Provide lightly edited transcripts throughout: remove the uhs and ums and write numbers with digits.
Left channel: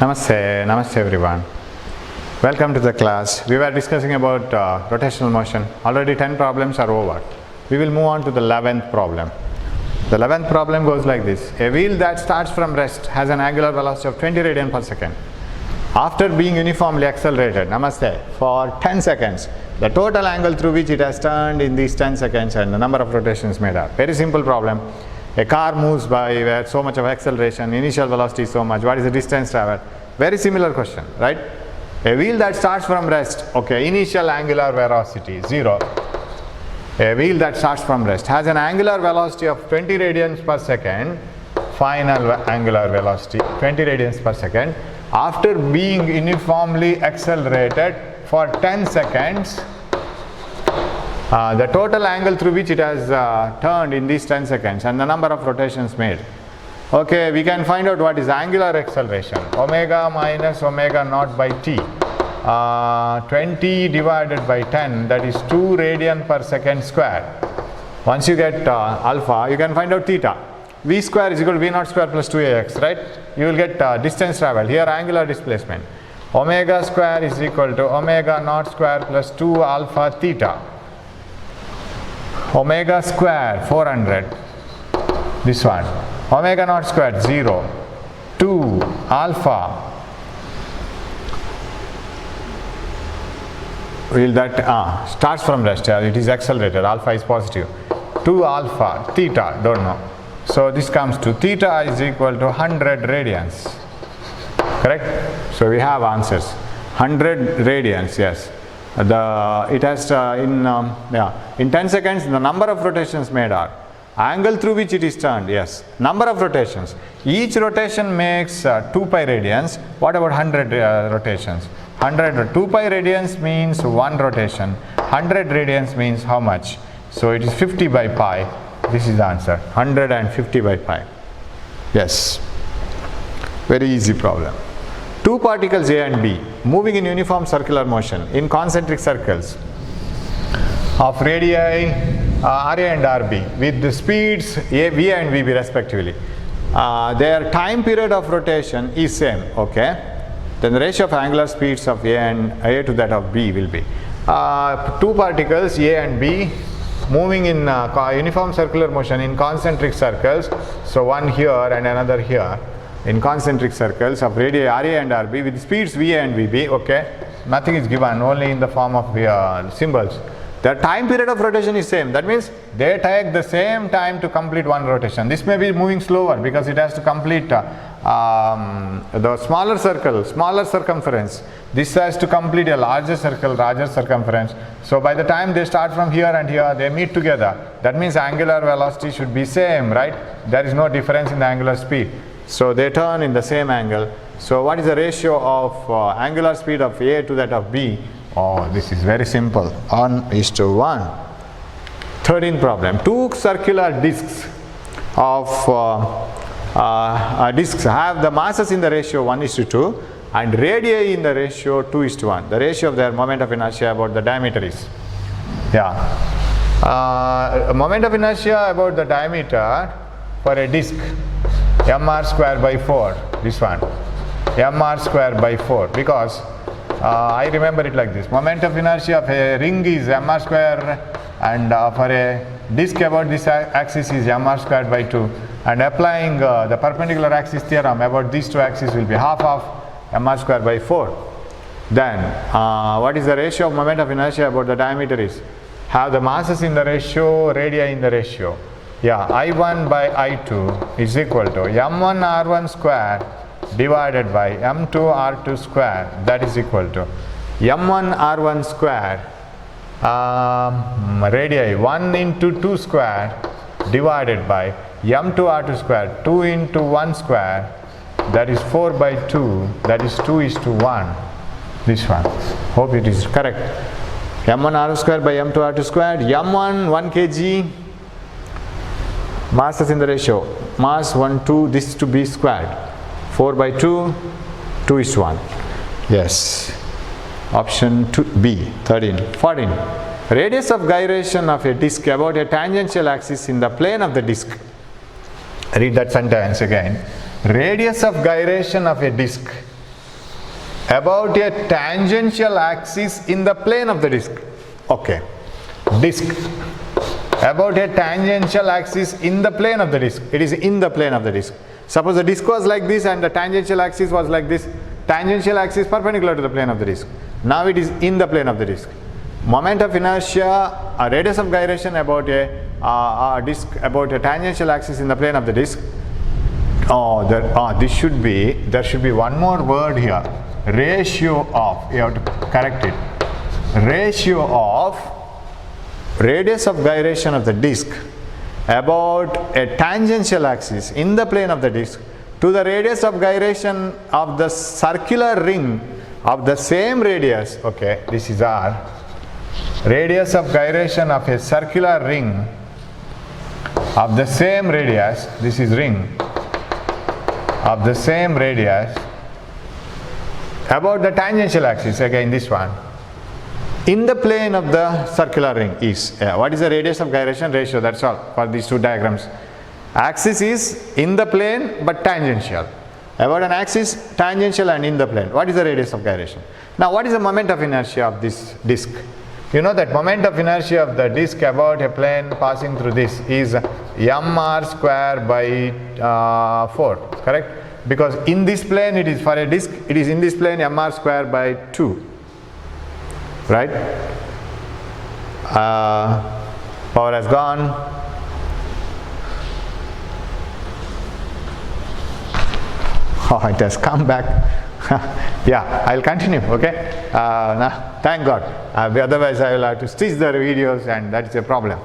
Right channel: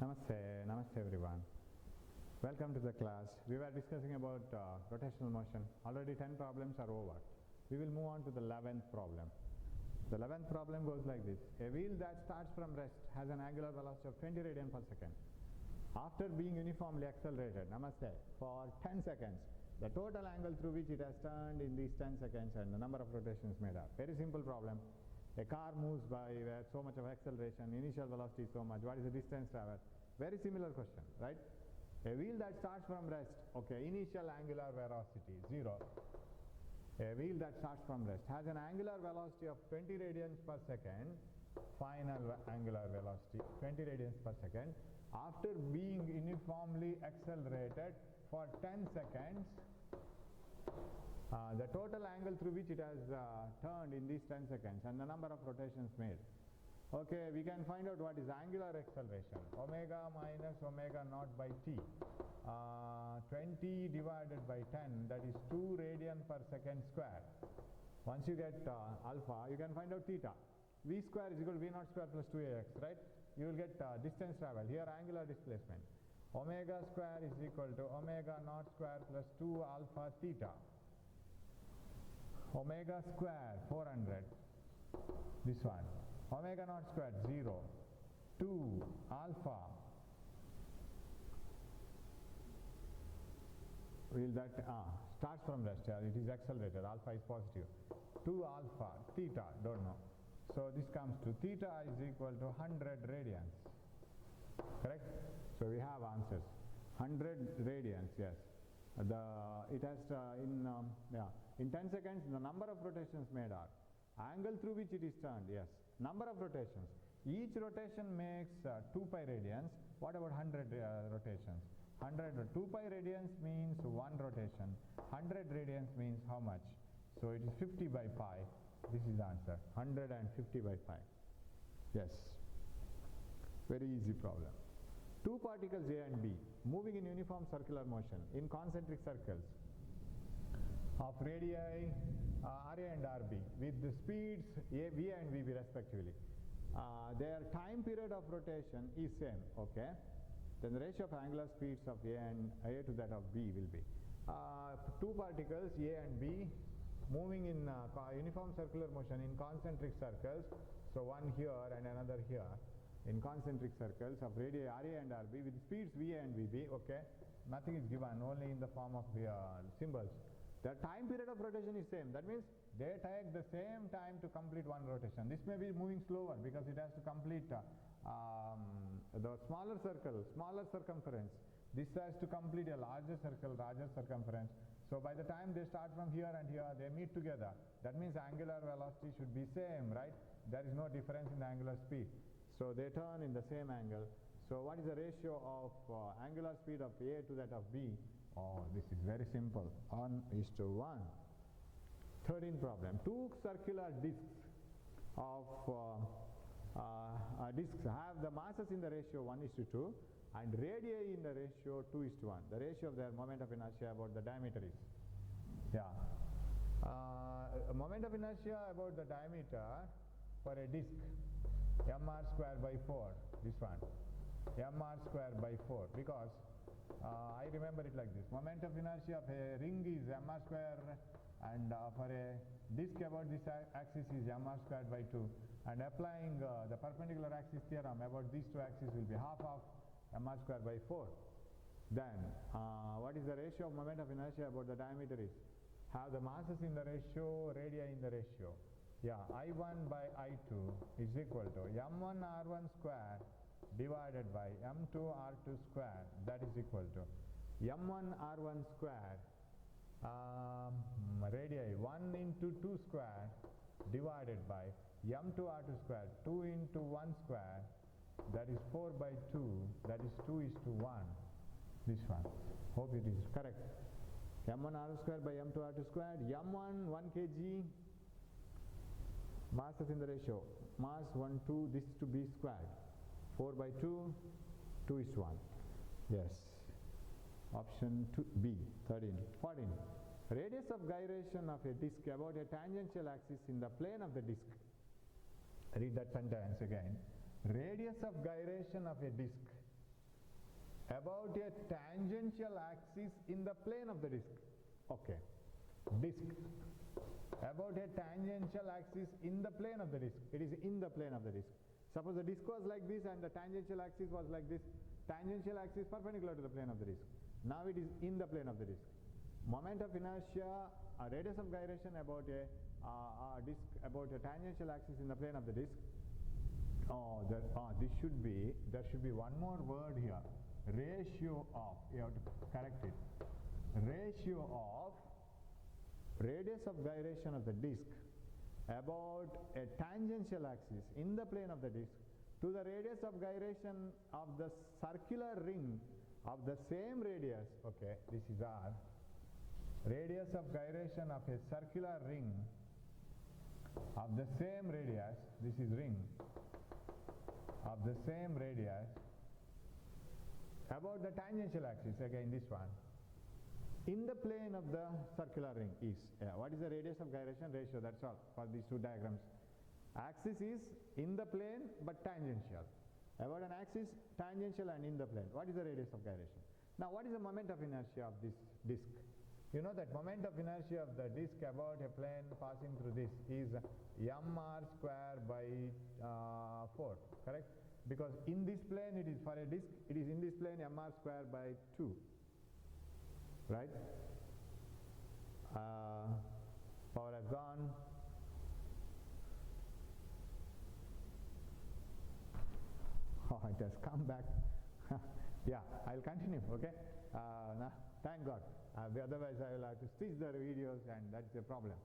Namaste everyone. Welcome to the class. We were discussing about rotational motion. Already 10 problems are over. We will move on to the 11th problem. The 11th problem goes like this. A wheel that starts from rest has an angular velocity of 20 radian per second. After being uniformly accelerated, for 10 seconds, the total angle through which it has turned in these 10 seconds and the number of rotations made are. Very simple problem. A car moves by where so much of acceleration, initial velocity is so much, what is the distance traveled? Very similar question, right? A wheel that starts from rest, initial angular velocity 0. A wheel that starts from rest has an angular velocity of 20 radians per second, final angular velocity 20 radians per second. After being uniformly accelerated for 10 seconds, the total angle through which it has turned in these 10 seconds and the number of rotations made. Okay, we can find out what is angular acceleration. Omega minus omega naught by t. 20 divided by 10, that is 2 radian per second square. Once you get alpha, you can find out theta. V square is equal to V naught square plus 2ax, right? You will get distance traveled. Here angular displacement. Omega square is equal to omega naught square plus 2 alpha theta. Omega square 400, this one. Omega naught square 0, 2 alpha. Will that starts from rest, it is accelerated, alpha is positive. 2 alpha theta, don't know. So this comes to theta is equal to 100 radians. Correct? So we have answers. 100 radians, yes. It has in 10 seconds the number of rotations made are angle through which it is turned, yes, number of rotations. Each rotation makes 2 pi radians. What about 100 rotations? 2 pi radians means 1 rotation. 100 radians means how much? So it is 50 by pi. This is the answer, 150 by pi. Yes, very easy problem. Two particles A and B moving in uniform circular motion in concentric circles of radii RA and RB with the speeds V and VB respectively. Their time period of rotation is same, then the ratio of angular speeds of A to that of B will be. Two particles A and B moving in uniform circular motion in concentric circles, so one here and another here, in concentric circles of radii RA and RB with speeds VA and VB, nothing is given, only in the form of symbols. Their time period of rotation is same, that means they take the same time to complete one rotation. This may be moving slower because it has to complete the smaller circle, smaller circumference. This has to complete a larger circle, larger circumference. So by the time they start from here and here, they meet together. That means angular velocity should be same, right? There is no difference in the angular speed. So they turn in the same angle. So what is the ratio of angular speed of A to that of B? Oh, this is very simple, 1:1. 13th problem. Two circular discs of discs have the masses in the ratio 1:2 and radii in the ratio 2:1. The ratio of their moment of inertia about the diameter is. Moment of inertia about the diameter for a disc mr square by 4, this one, mr square by 4, because I remember it like this. Moment of inertia of a ring is mr square and for a disc about this axis is mr square by 2, and applying the perpendicular axis theorem about these two axes will be half of mr square by 4. Then what is the ratio of moment of inertia about the diameter is, have the masses in the ratio, radii in the ratio. I1 by I2 is equal to m1 r1 square divided by m2 r2 square, that is equal to m1 r1 square radii 1 into 2 square divided by m2 r2 square 2 into 1 square, that is 4 by 2, that is 2:1. This one, hope it is correct. m1 r2 square by m2 r2 square, m1 1 kg, masses in the ratio, mass 1 2, this to be squared, 4 by 2, 2:1. Yes, option 2B. 13. 14. Radius of gyration of a disc about a tangential axis in the plane of the disc. Read that sentence again. Radius of gyration of a disc about a tangential axis in the plane of the disk. Okay, disk about a tangential axis in the plane of the disk. It is in the plane of the disk. Suppose the disk was like this and the tangential axis was like this. Tangential axis perpendicular to the plane of the disk. Now it is in the plane of the disk. Moment of inertia, a radius of gyration about a disk about a tangential axis in the plane of the disk. There should be one more word here. Ratio of, you have to correct it. Ratio of radius of gyration of the disk about a tangential axis in the plane of the disk to the radius of gyration of the circular ring of the same radius. Okay, this is R. Radius of gyration of a circular ring of the same radius. This is ring of the same radius about the tangential axis. Again, this one in the plane of the circular ring is what is the radius of gyration? Ratio. That's all for these two diagrams. Axis is in the plane but tangential. About an axis, tangential and in the plane. What is the radius of gyration? Now, what is the moment of inertia of this disk? You know that moment of inertia of the disk about a plane passing through this is mr square by 4, correct? Because in this plane it is for a disk, it is in this plane mr square by 2, right? Power has gone. Oh, it has come back. Yeah, I'll continue, okay? Now, thank God. Otherwise, I will have to stitch the videos and that is a problem.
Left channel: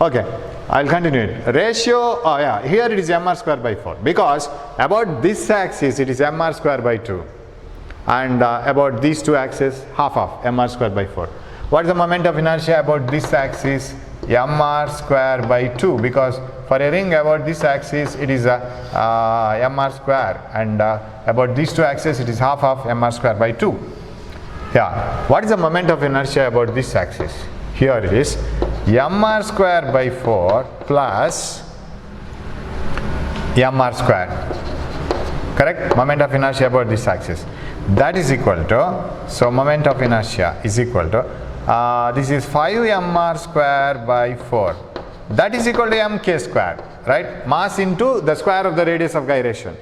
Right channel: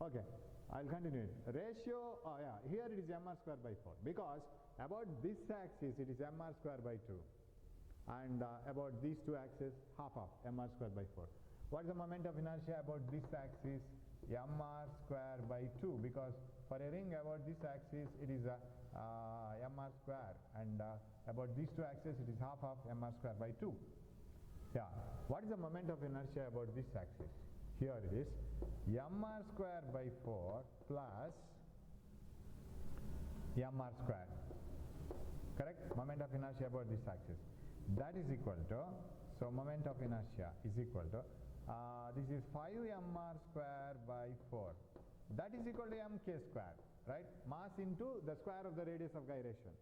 Okay, I'll continue it. Ratio, here it is mr square by 4 because about this axis it is mr square by 2 and about these two axes half of mr square by 4. What is the moment of inertia about this axis? Mr square by 2 because for a ring about this axis it is mr square and about these two axes it is half of mr square by 2. Yeah. What is the moment of inertia about this axis? Here it is mr square by 4 plus mr square. Correct? Moment of inertia about this axis. That is equal to, so moment of inertia is equal to, this is 5 mr square by 4. That is equal to mk square, right? Mass into the square of the radius of gyration.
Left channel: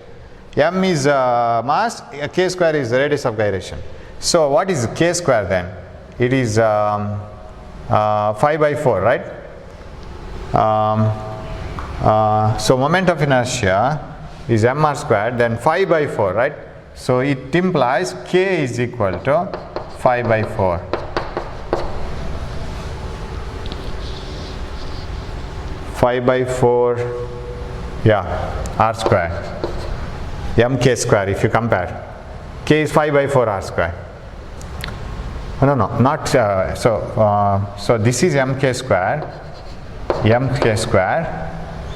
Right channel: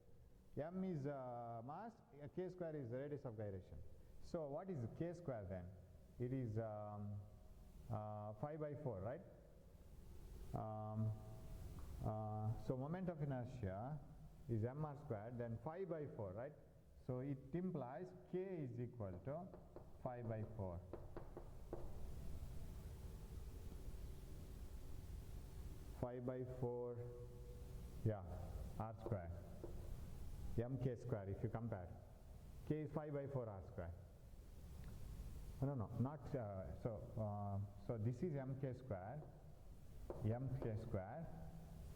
M is mass, k square is the radius of gyration. So what is k square then? It is 5 by 4, right? So moment of inertia is mr squared, then 5 by 4, right? So it implies k is equal to 5 by 4. By 4, yeah, r square, mk square. If you compare, k is 5 by 4 r square. No, not so this is mk square,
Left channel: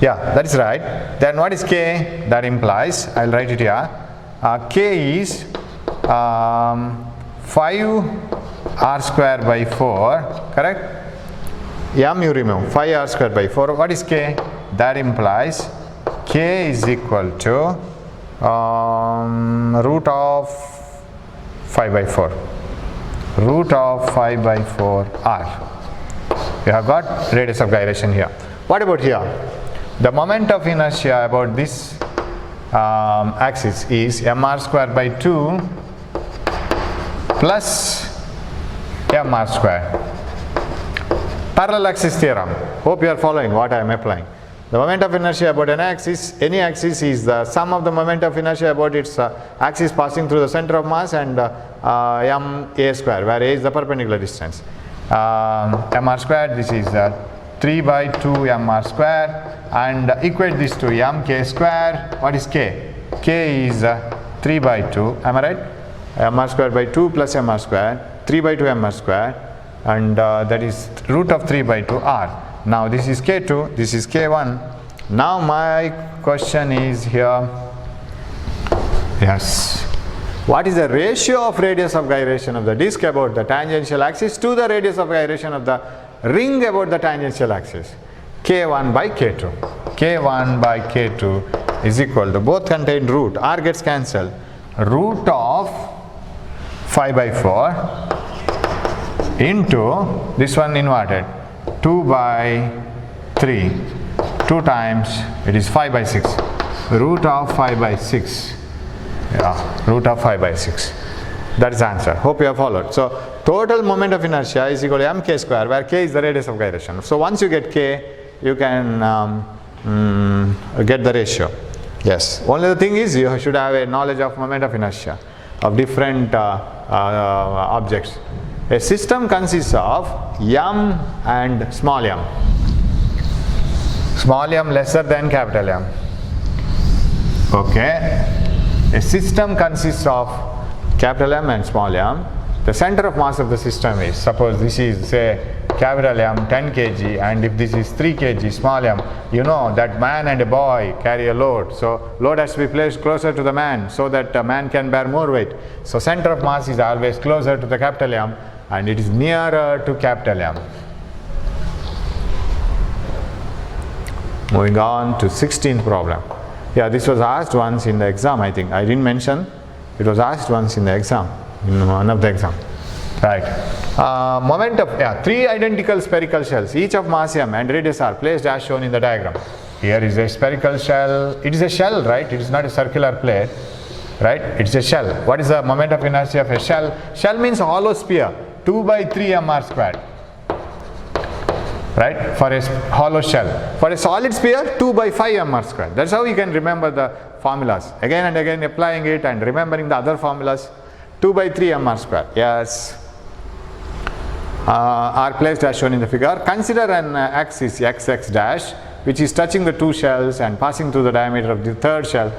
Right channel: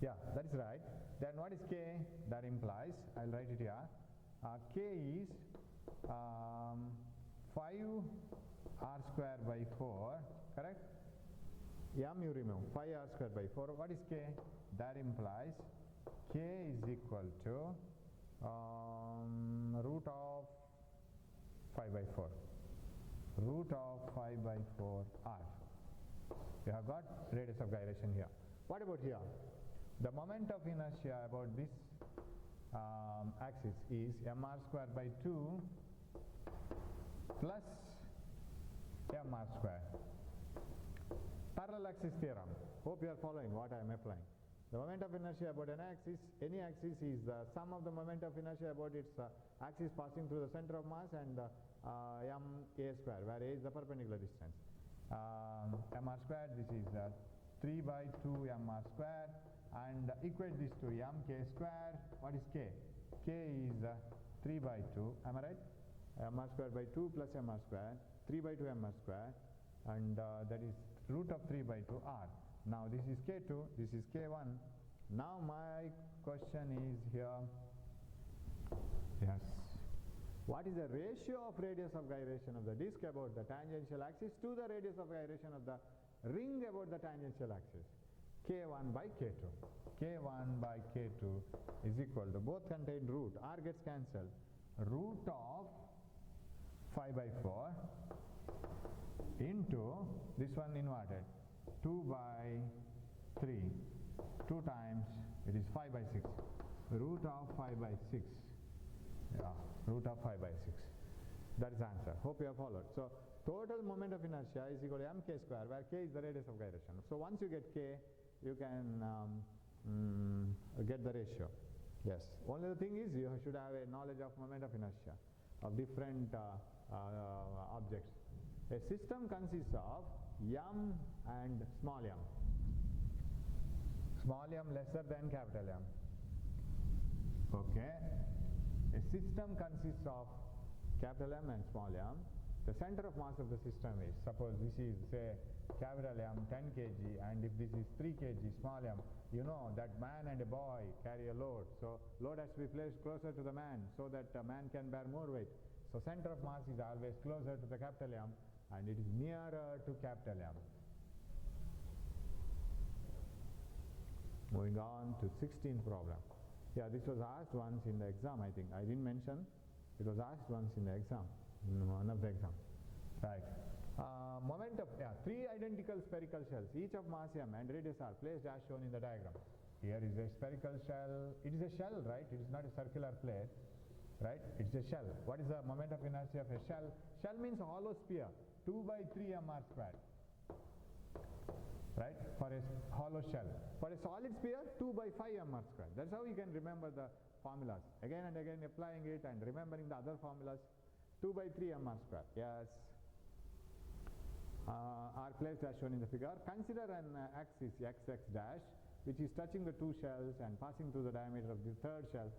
yeah, that is right. Then what is k? That implies, I'll write it here, k is 5 r square by 4, correct? M you remove, 5 r square by 4. What is k? That implies k is equal to root of 5 by 4. Root of 5 by 4 r. We have got radius of gyration here. What about here? The moment of inertia about this axis is mr square by 2 plus mr square. Parallel axis theorem. Hope you are following what I am applying. The moment of inertia about an axis, any axis is the sum of the moment of inertia about its axis passing through the center of mass and m a square, where a is the perpendicular distance. Mr squared, this is 3 by 2 mr square, and equate this to mk square. What is k? K is 3 by 2, am I right? Mr square by 2 plus mr square, 3 by 2 mr square, and that is root of 3 by 2 r. Now this is k2, this is k1. Now my question is here, yes, what is the ratio of radius of gyration of the disk about the tangential axis to the radius of gyration of the ring about the tangential axis? K1 by K2. K1 by K2 is equal to, both contain root, r gets cancelled, root of 5 by 4 into this one inverted 2 by 3, 2 times it is 5 by 6, root of 5 by 6, root of 5 by 6. That is the answer. Hope you have followed. So total moment of inertia is equal to mk square, where k is the radius of gyration. So once you get k, you can get the ratio. Yes. Only the thing is you should have a knowledge of moment of inertia of different objects. A system consists of m and small m. Small m lesser than capital M. Okay. A system consists of capital M and small m. The center of mass of the system is, suppose this is say capital M 10 kg, and if this is 3 kg small m, you know that man and a boy carry a load. So load has to be placed closer to the man so that a man can bear more weight. So center of mass is always closer to the capital M and it is nearer to capital M. Moving on to 16th problem. Yeah, this was asked once in the exam, I think. I didn't mention. It was asked once in the exam, in one of the exam. Right. Moment of, 3 identical spherical shells, each of mass m and radius r, placed as shown in the diagram. Here is a spherical shell. It is a shell, right? It is not a circular plate, right? It's a shell. What is the moment of inertia of a shell? Shell means hollow sphere, 2 by 3 mr squared. Right, for a hollow shell. For a solid sphere, 2 by 5 mr squared. That's how you can remember the formulas. Again and again applying it and remembering the other formulas. 2 by 3 mr squared. Yes. Are placed as shown in the figure. Consider an axis xx dash which is touching the 2 shells and passing through the diameter of the 3rd shell.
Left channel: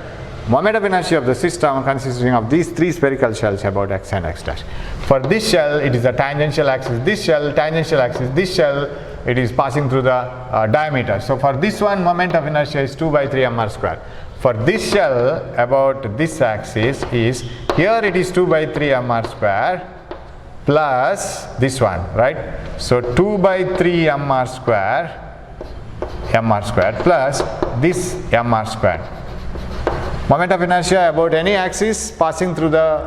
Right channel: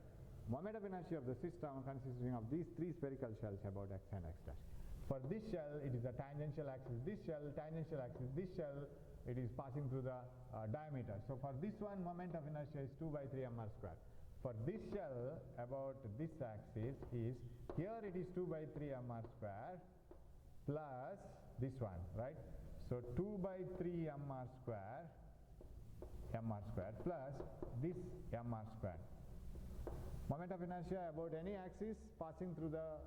Moment of inertia of the system consisting of these 3 spherical shells about x and x dash. For this shell, it is a tangential axis. This shell, tangential axis. This shell, it is passing through the diameter. So for this one, moment of inertia is 2 by 3 mr squared. For this shell about this axis is, here it is 2 by 3 mr squared plus this one, right? So 2 by 3 mr squared plus this mr squared. Moment of inertia about any axis passing through the,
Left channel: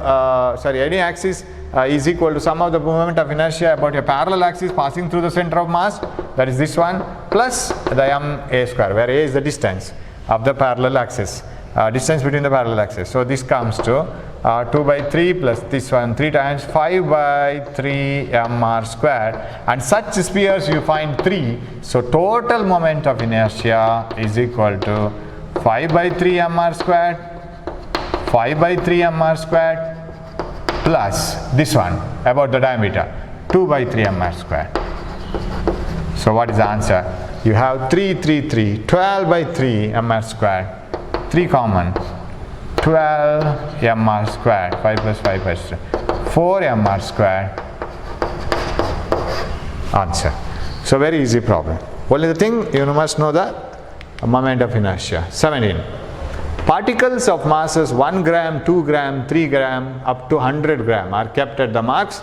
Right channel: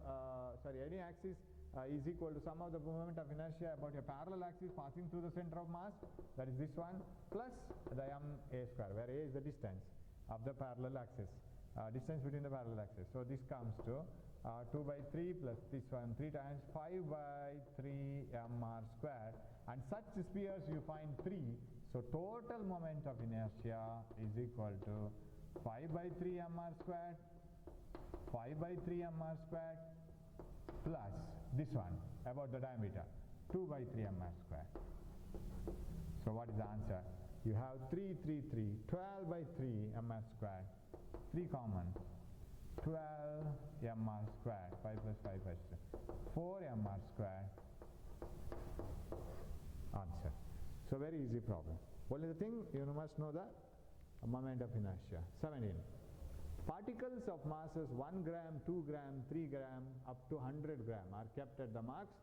any axis is equal to sum of the moment of inertia about a parallel axis passing through the center of mass, that is this one, plus the ma square, where a is the distance of the parallel axis, distance between the parallel axis. So this comes to 2 by 3 plus this one, 3 times 5 by 3 mr squared, and such spheres you find 3. So total moment of inertia is equal to 5 by 3 mr squared, 5 by 3 mr squared plus this one about the diameter, 2 by 3 mr squared. So what is the answer? You have 3, 3, 3, 12 by 3 mr squared, 3 common, 12 mr squared, 5 plus 5 plus 3, 4 mr squared, answer. So very easy problem. Only the thing you must know the moment of inertia. 17. Particles of masses 1 gram, 2 gram, 3 gram up to 100 gram are kept at the marks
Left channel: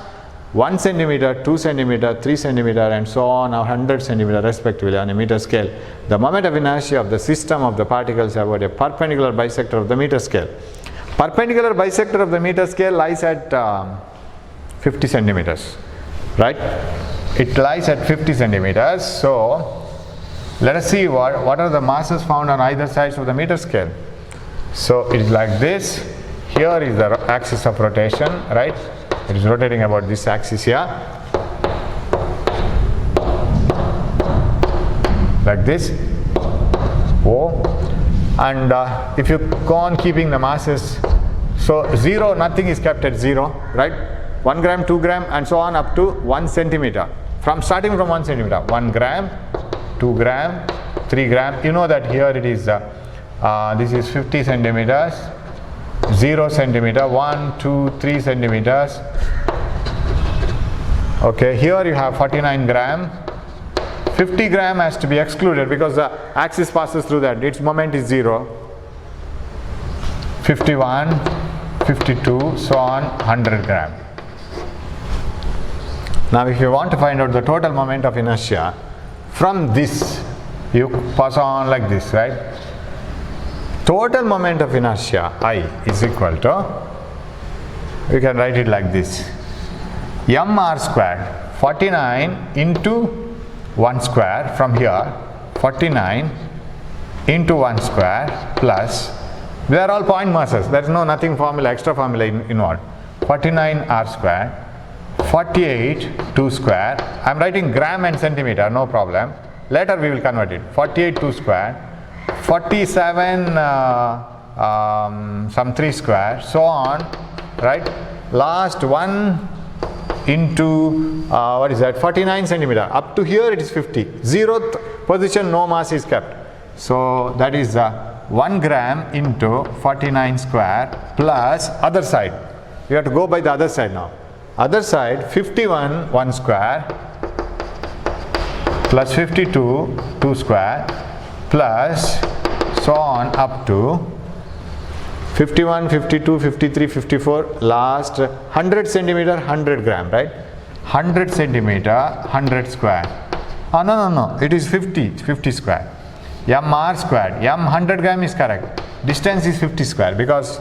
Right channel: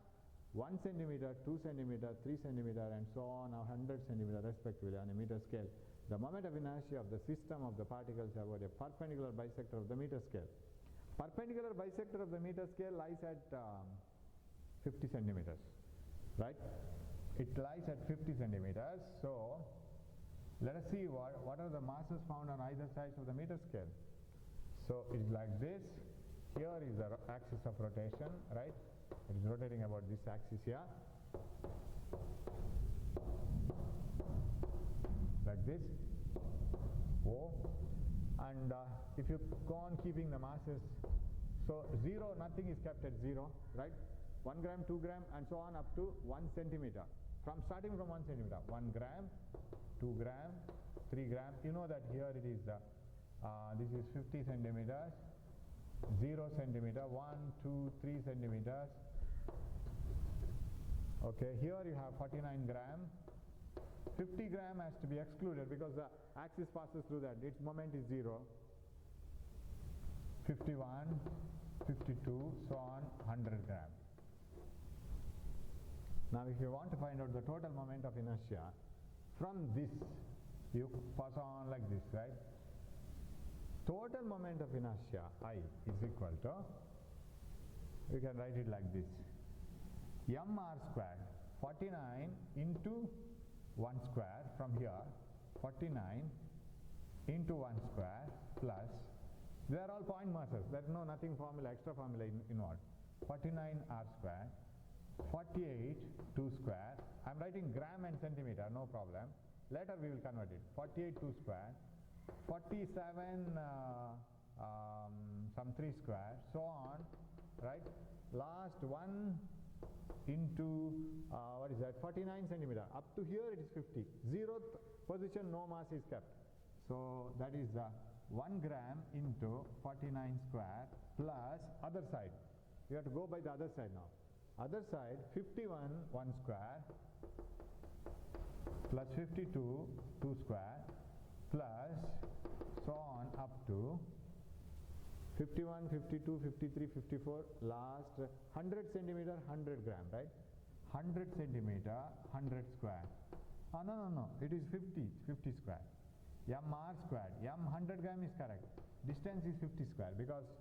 1 centimeter, 2 centimeter, 3 centimeter and so on, or 100 centimeter respectively on a meter scale. The moment of inertia of the system of the particles about a perpendicular bisector of the meter scale. Perpendicular bisector of the meter scale lies at 50 centimeters, right? It lies at 50 centimeters. So let us see what are the masses found on either sides of the meter scale. So it is like this. Here is the axis of rotation, right? It is rotating about this axis here, like this, O. And if you go on keeping the masses, so 0, nothing is kept at 0, right? 1 gram, 2 gram and so on up to 1 centimeter. Starting from 1 centimeter, 1 gram, 2 gram, 3 gram. You know that here it is, this is 50 centimeters, 0 centimeter, 1, 2, 3 centimeters. Okay, here you have 49 gram. 50 gram has to be excluded because the axis passes through that. Its moment is 0. 51, 52, so on, 100 gram. Now if you want to find out the total moment of inertia, from this you pass on like this, right? Total moment of inertia I is equal to we can write it like this. mr squared, 49 into 1 square from here, 49 into 1 square plus, they are all point masses, there is nothing formula, extra formula involved. 49 r squared, 48 2 square, I am writing gram and centimeter, no problem. Later we will convert it. 48 2 square, 47 some 3 square, so on, right? Last 1 into what is that? 49 centimeter. Up to here it is 50. 0th position no mass is kept. So that is 1 gram into 49 square plus other side. You have to go by the other side now. Other side 51 1 square plus 52 2 square plus so on up to 51, 52, 53, 54, last 100 centimeter 100 gram, right? 100 centimeter 100 square. Oh no, it is 50 square. mr squared, 100 gram is correct. Distance is 50 square because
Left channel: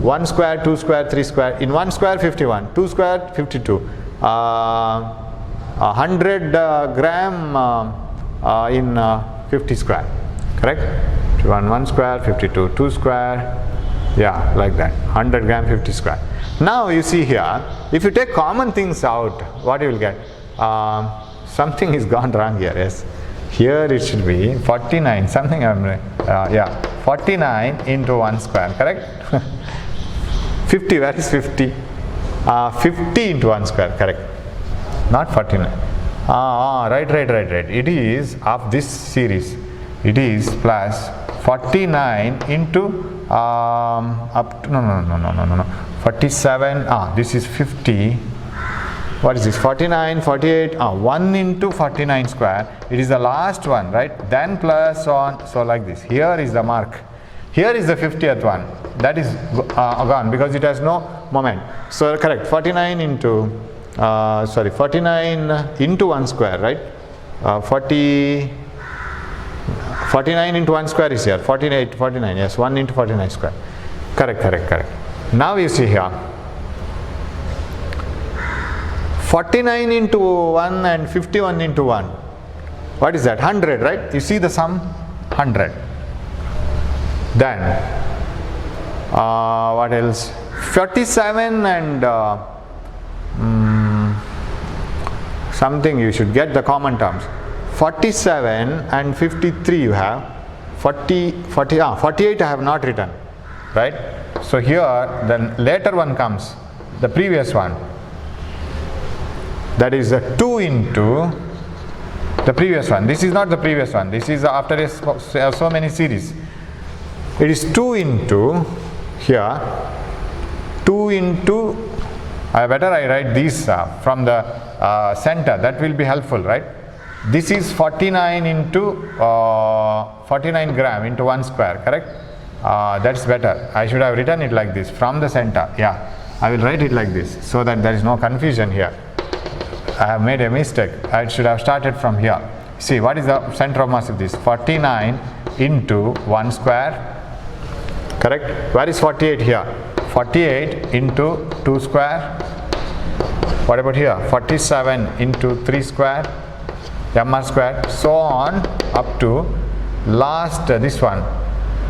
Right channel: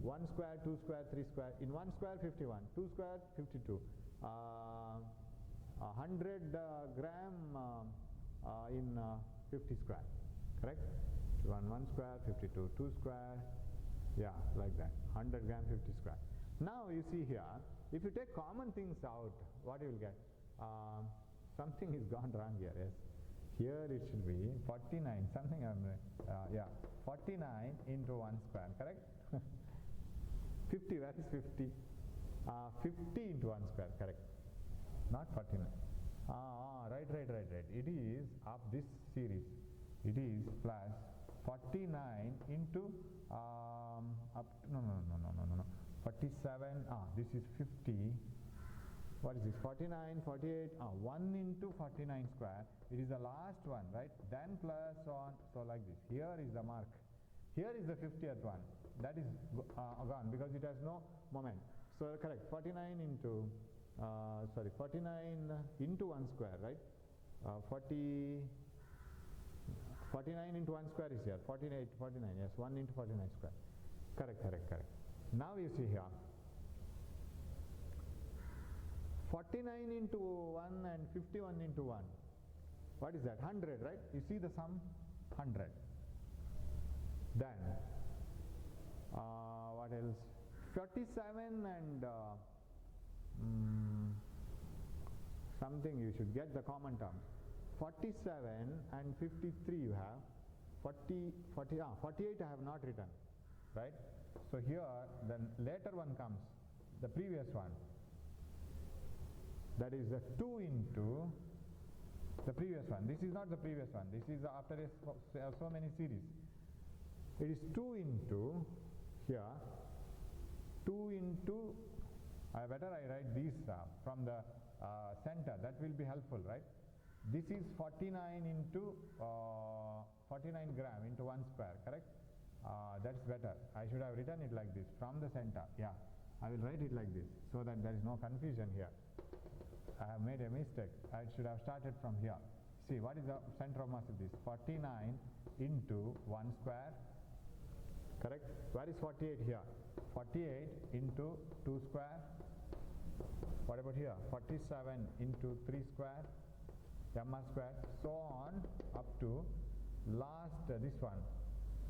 1 square, 2 square, 3 square. In 1 square 51, 2 square 52. 100 gram in 50 square, correct? 1 square 52, 2 square, yeah, like that, 100 gram 50 square. Now you see here, if you take common things out, what you will get? Something is gone wrong here, yes. Here it should be 49, something, yeah, 49 into 1 square, correct? 50, where is 50? 50 into 1 square, correct? Not 49. Right. It is of this series. It is plus 49 into up to, no. 47. This is 50. What is this? 49, 48. 1 into 49 square. It is the last one, right? Then plus on. So like this. Here is the mark. Here is the 50th one. That is gone because it has no moment. So correct. 49 into 49 into 1 square, right? 49 into 1 square is here. 48, 49. Yes, 1 into 49 square. Correct. Now you see here. 49 into 1 and 51 into 1. What is that? 100, right? You see the sum? 100. Then, what else? 47 and something you should get the common terms. 47 and 53 you have. 48 I have not written, right? So here, then later one comes, the previous one. That is 2 into the previous one. This is not the previous one. This is after so many series. It is 2 into here. 2 into, I write these from the center. That will be helpful, right? This is 49 into 49 gram into 1 square, correct? That's better. I should have written it like this from the center. Yeah, I will write it like this so that there is no confusion here. I have made a mistake. I should have started from here. See, what is the center of mass of this? 49 into 1 square, correct? Where is 48 here? 48 into 2 square. What about here? 47 into 3 square, mr square, so on up to last this one,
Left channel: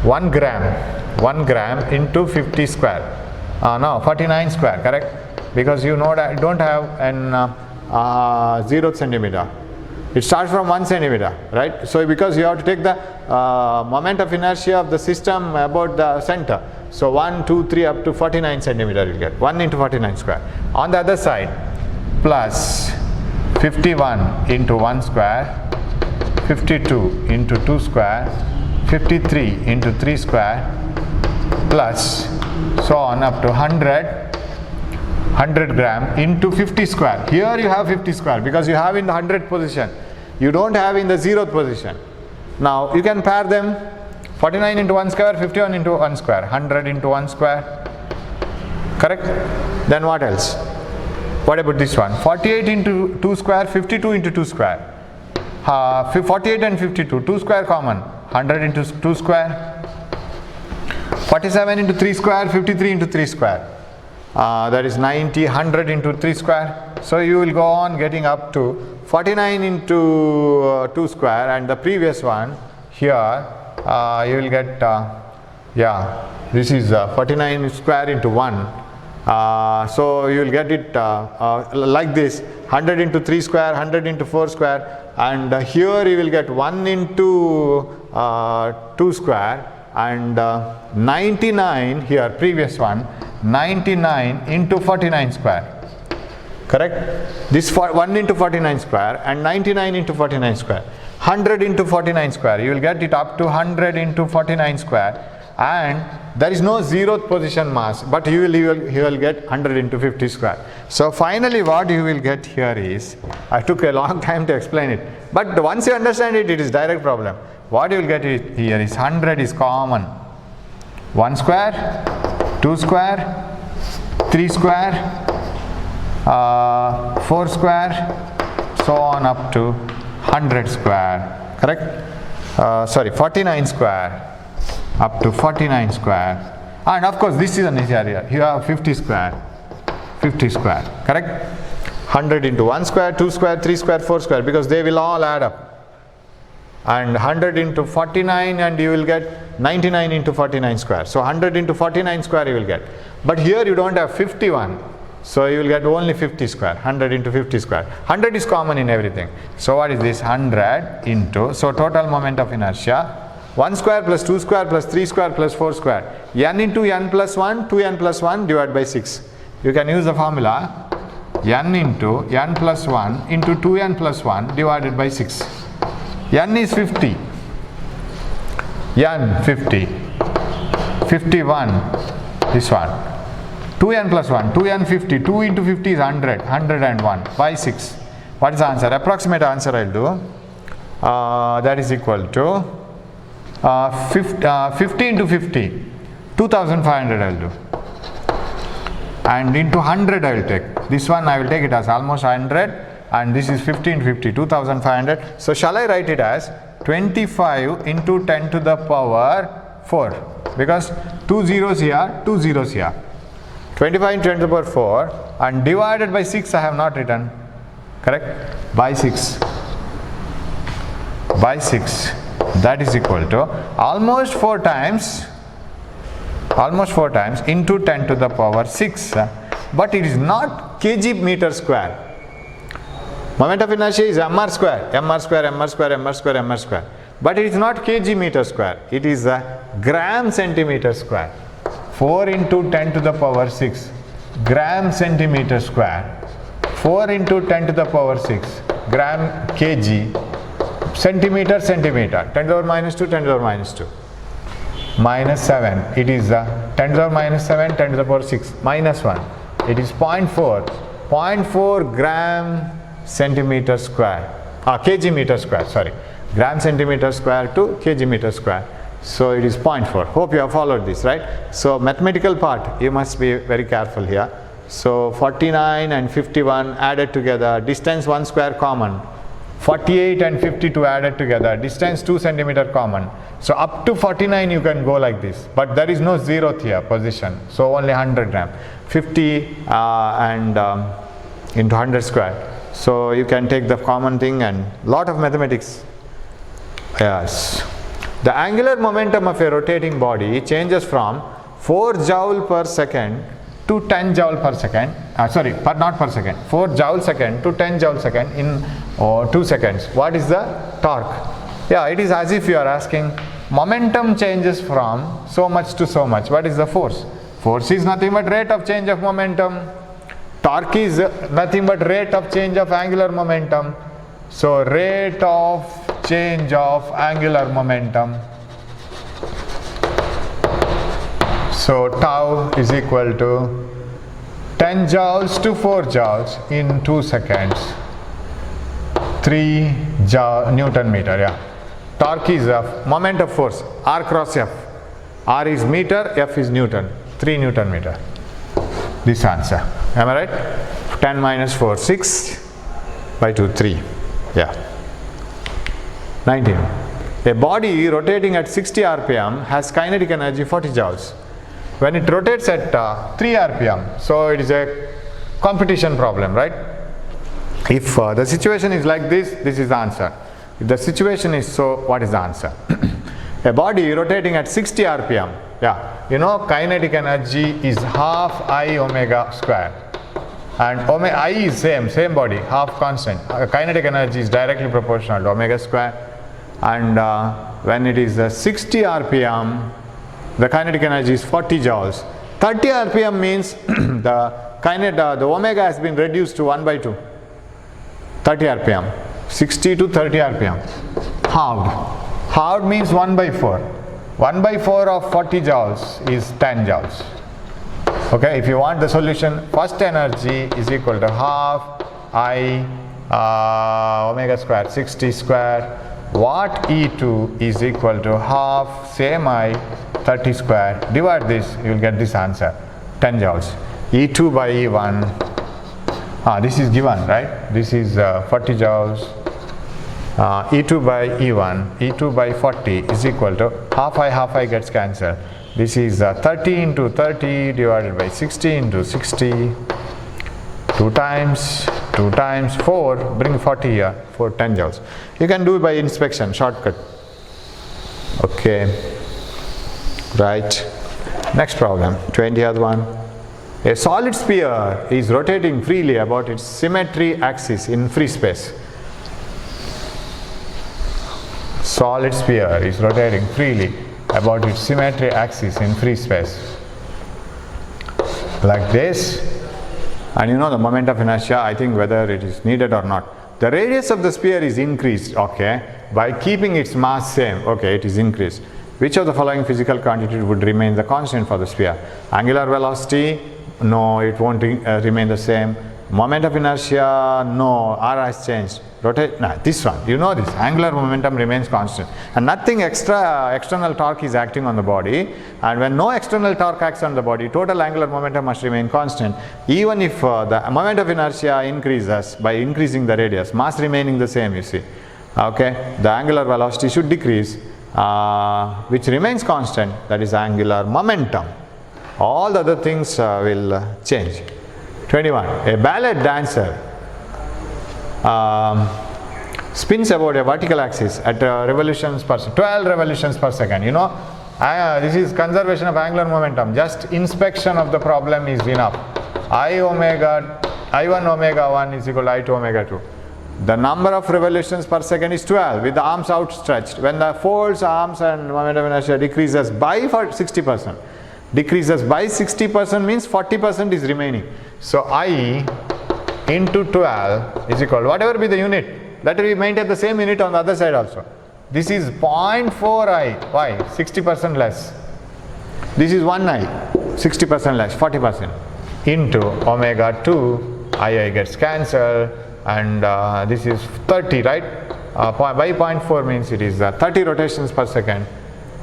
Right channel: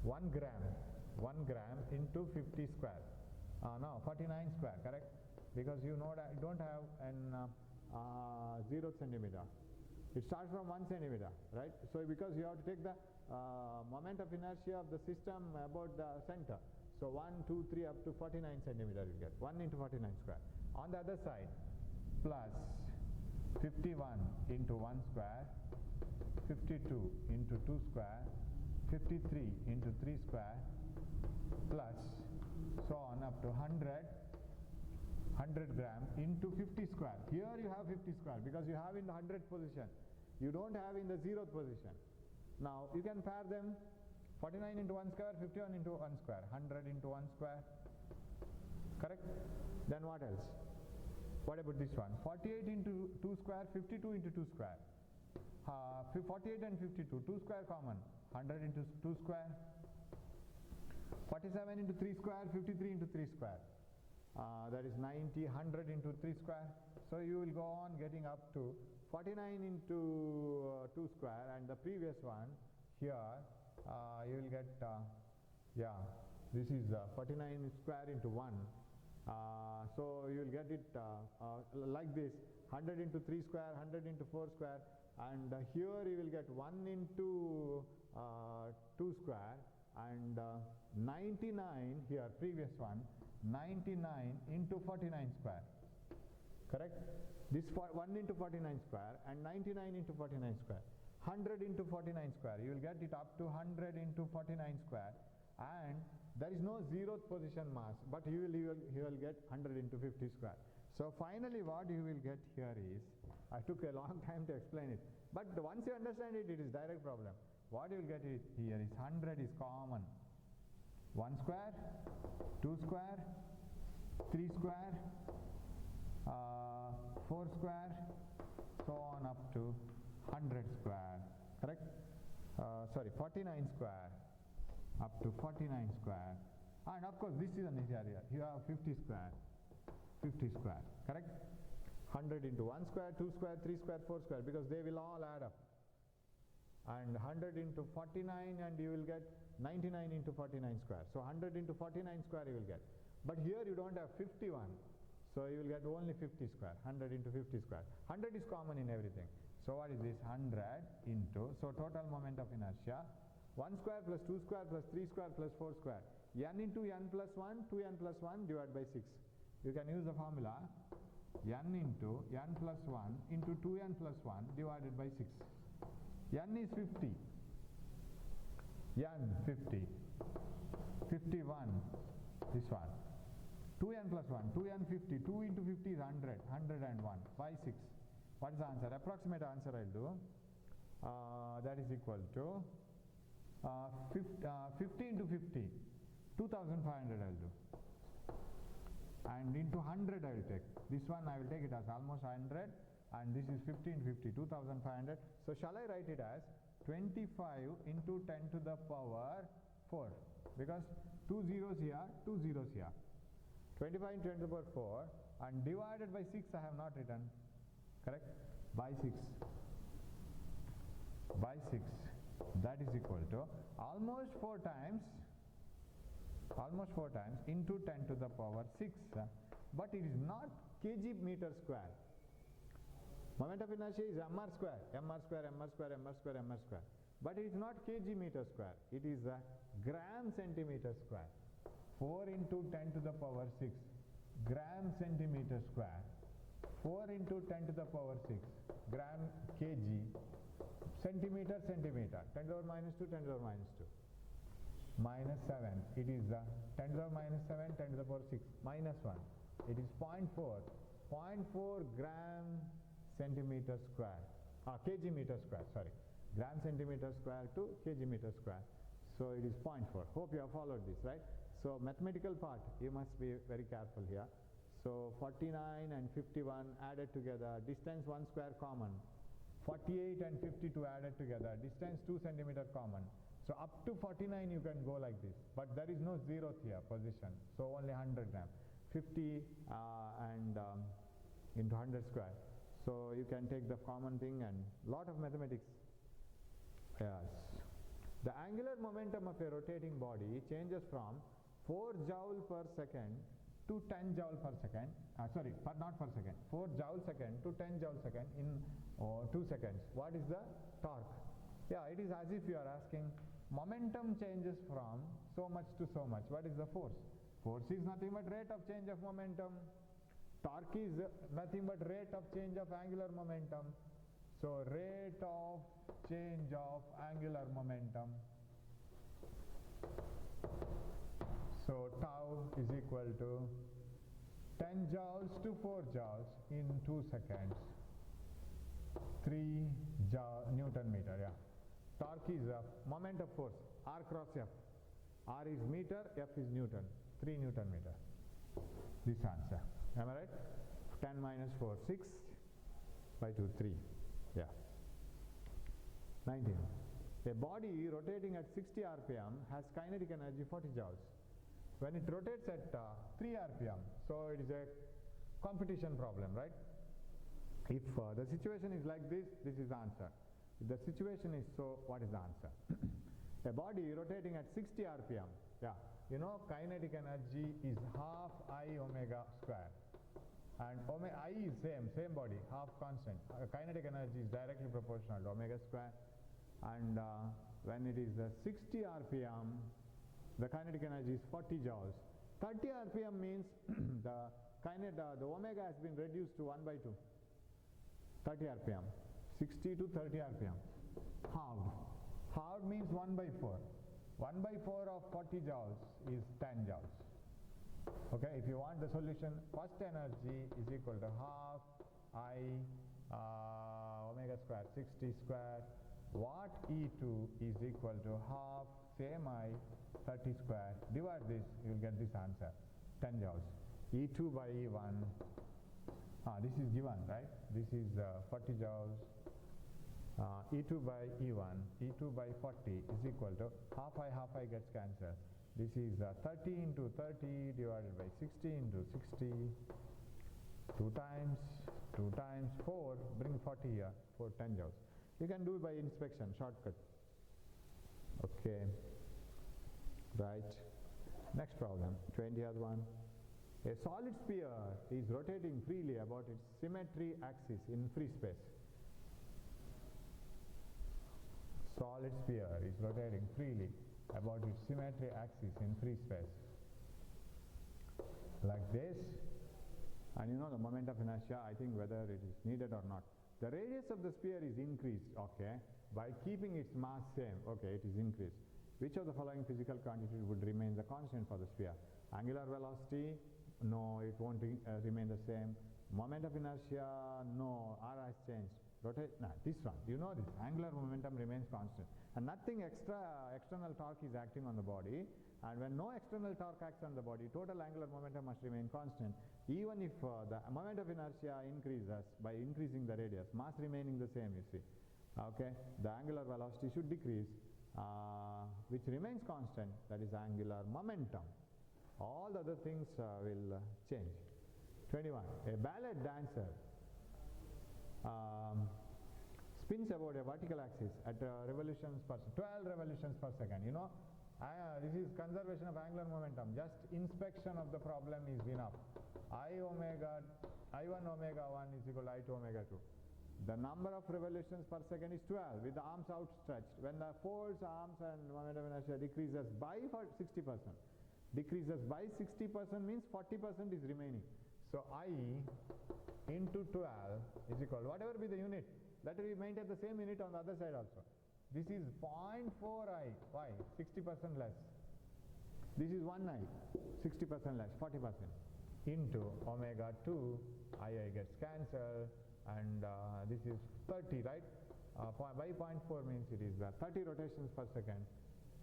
1 gram into 50 square. No, 49 square, correct? Because you know that I don't have an 0th centimeter. It starts from 1 centimeter, right? So because you have to take the moment of inertia of the system about the center. So 1, 2, 3 up to 49 centimeter you get. 1 into 49 square. On the other side, plus 51 into 1 square, 52 into 2 square, 53 into 3 square, plus so on up to 100 gram into 50 square. Here you have 50 square because you have in the 100th position. You don't have in the 0th position. Now you can pair them. 49 into 1 square, 51 into 1 square, 100 into 1 square, correct? Then what else? What about this one? 48 into 2 square, 52 into 2 square. 48 and 52, 2 square common, 100 into 2 square. 47 into 3 square, 53 into 3 square. that is 90, 100 into 3 square. So you will go on getting up to 49 into 2 square, and the previous one here you will get this is 49 square into 1. So you will get it like this: 100 into 3 square, 100 into 4 square, and here you will get 1 into 2 square, and 99 here, previous one, 99 into 49 square. Correct? This 1 into 49 square and 99 into 49 square. 100 into 49 square, you will get it up to 100 into 49 square, and there is no 0th position mass, but you will get 100 into 50 square. So finally what you will get here is, I took a long time to explain it, but once you understand it, it is direct problem. What you will get here is 100 is common. 1 square, 2 square, 3 square, 4 square, so on up to 100 square. Correct? 49 square, up to 49 square, and of course this is an area. You have 50 square, 50 square. Correct? 100 into 1 square, 2 square, 3 square, 4 square, because they will all add up. And 100 into 49, and you will get 99 into 49 square. So 100 into 49 square you will get. But here you don't have 51. So you will get only 50 square, 100 into 50 square. 100 is common in everything. So what is this? 100 into, so total moment of inertia, 1 square plus 2 square plus 3 square plus 4 square. N into n plus 1, 2n plus 1 divided by 6. You can use the formula n into n plus 1 into 2n plus 1 divided by 6. N is 50. N 50. 51. This one. 2n plus 1, 2n 50, 2 into 50 is 100, 101 by 6. What is the answer? Approximate answer I will do. That is equal to 50 into 50, 2500 I will do. And into 100 I will take. This one I will take it as almost 100, and this is 50 into 50, 2500. So shall I write it as 25 into 10 to the power 4? Because 2 zeros here, 2 zeros here. 25 into 10 to the power 4, and divided by 6 I have not written. Correct? By 6. By 6. That is equal to almost 4 times into 10 to the power 6. But it is not kg meter square. Moment of inertia is mr square, mr square, mr square, mr square, mr square. But it is not kg meter square. It is a gram centimeter square. 4 into 10 to the power 6 gram centimeter square. 4 into 10 to the power 6 gram kg centimeter centimeter. 10 to the power minus 2, 10 to the power minus 2. Minus 7. It is 10 to the power minus 7, 10 to the power 6. Minus 1. It is 0.4. 0.4 gram centimeter square. Kg meter square, sorry. Gram centimeter square to kg meter square. So it is 0.4. Hope you have followed this, right? So mathematical part, you must be very careful here. So 49 and 51 added together, distance 1 square common. 48 and 52 added together, distance 2 centimeter common. So up to 49 you can go like this, but there is no 0th here position, so only 100 gram. 50 and into 100 square. So you can take the common thing, and lot of mathematics. Yes. The angular momentum of a rotating body changes from 4 joule per second to 10 joule per second, not per second, 4 joule second to 10 joule second in 2 seconds. What is the torque? Yeah, it is as if you are asking, momentum changes from so much to so much. What is the force? Force is nothing but rate of change of momentum. Torque is nothing but rate of change of angular momentum. So rate of change of angular momentum. So tau is equal to 10 joules to 4 joules in 2 seconds. 3 Newton meter, yeah. Torque is moment of force, R cross F. R is meter, F is Newton, 3 Newton meter. This answer. Am I right? 10 minus 4, 6 by 2, 3. Yeah. 19. A body rotating at 60 rpm has kinetic energy 40 joules. when it rotates at 3 rpm, so it is a competition problem, right? If the situation is like this, this is the answer. If the situation is so, what is the answer? A body rotating at 60 rpm, yeah, you know kinetic energy is half I omega square, and omega I is same body, half constant. Kinetic energy is directly proportional to omega square, and when it is 60 rpm, the kinetic energy is 40 joules. 30 rpm means the omega has been reduced to 1 by 2. 30 rpm, 60 to 30 rpm, halved. Halved means 1 by 4. 1 by 4 of 40 joules is 10 joules. Okay, if you want the solution, first energy is equal to half I omega square 60 square, watt E2 is equal to half same I 30 square, divide this, you will get this answer, 10 joules. E2 by E1, this is given, right? This is 40 joules. E2 by E1, E2 by 40 is equal to half I gets cancelled. This is 30 into 30 divided by 60 into 60, 2 times 4, bring 40 here, 4 10 joules. You can do it by inspection, shortcut. Okay, right. Next problem, 20th one. A solid sphere is rotating freely about its symmetry axis in free space. Solid sphere is rotating freely about its symmetry axis in free space, like this, and you know the moment of inertia, I think whether it is needed or not. The radius of the sphere is increased, okay, by keeping its mass same, okay, it is increased. Which of the following physical quantity would remain the constant for the sphere? Angular velocity, no, it won't remain the same. Moment of inertia, no, r has changed. Rotate, this one, you know this, angular momentum remains constant, and nothing external torque is acting on the body, and when no external torque acts on the body, total angular momentum must remain constant, even if the moment of inertia increases by increasing the radius, mass remaining the same, you see. Okay, the angular velocity should decrease, which remains constant, that is angular momentum. All the other things will change. 21. A ballet dancer spins about a vertical axis at 12 revolutions per second. You know, this is conservation of angular momentum. Just inspection of the problem is enough. I1 omega 1 is equal to I2 omega 2. The number of revolutions per second is 12 with the arms outstretched. When the folds, arms and moment of inertia decreases by 60%. Decreases by 60% means 40% is remaining. So I into 12 is equal to whatever be the unit, that will maintain the same unit on the other side also. This is 0.4 I, why? 60% less. This is 1 I, 60% less, 40%, into omega 2, I gets cancelled, and this is 30, right? By 0.4 means it is 30 rotations per second,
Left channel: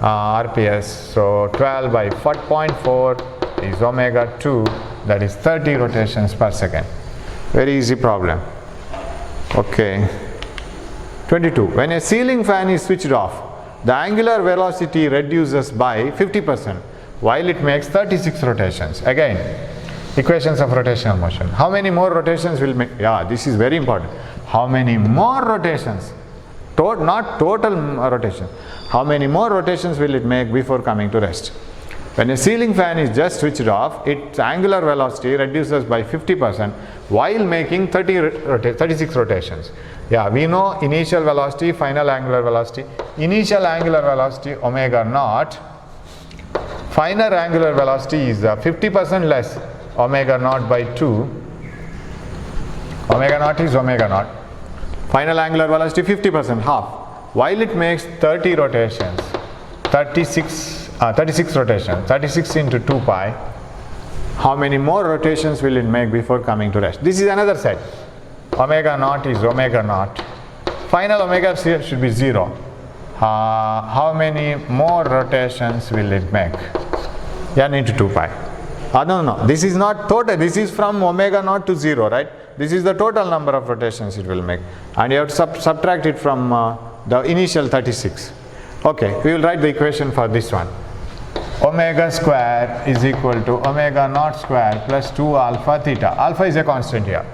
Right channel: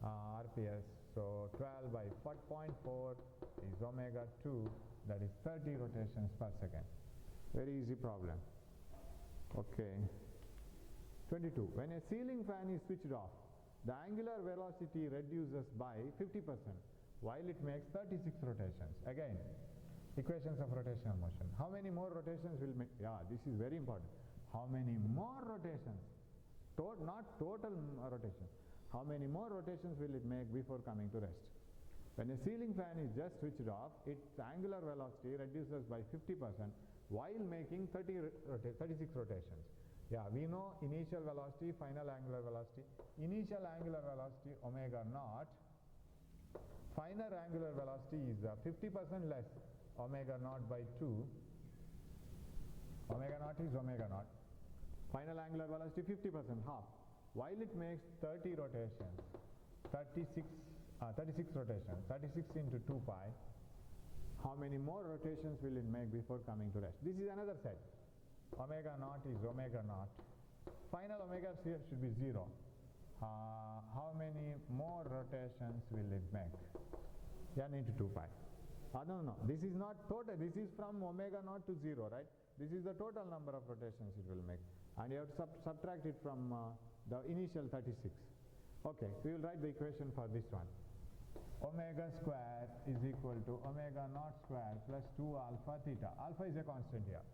RPS, so 12 by 0.4 is omega 2, that is 30 rotations per second. Very easy problem. Okay. 22. When a ceiling fan is switched off, the angular velocity reduces by 50% while it makes 36 rotations. Again, equations of rotational motion. How many more rotations will make? Yeah, this is very important. How many more rotations? Not total rotation. How many more rotations will it make before coming to rest? When a ceiling fan is just switched off, its angular velocity reduces by 50% while making 36 rotations. Yeah, we know initial velocity, final angular velocity. Initial angular velocity omega naught. Final angular velocity is 50% less, omega naught by 2. Omega naught is omega naught. Final angular velocity 50%, half. While it makes 30 rotations, 36 rotations, 36 into 2 pi, how many more rotations will it make before coming to rest? This is another set. Omega naught is omega naught. Final omega should be 0. How many more rotations will it make? N into 2 pi. No, this is not total, this is from omega naught to 0, right? This is the total number of rotations it will make, and you have to subtract it from the initial 36. Okay, we will write the equation for this one. omega square is equal to omega naught square plus 2 alpha theta. Alpha is a constant here.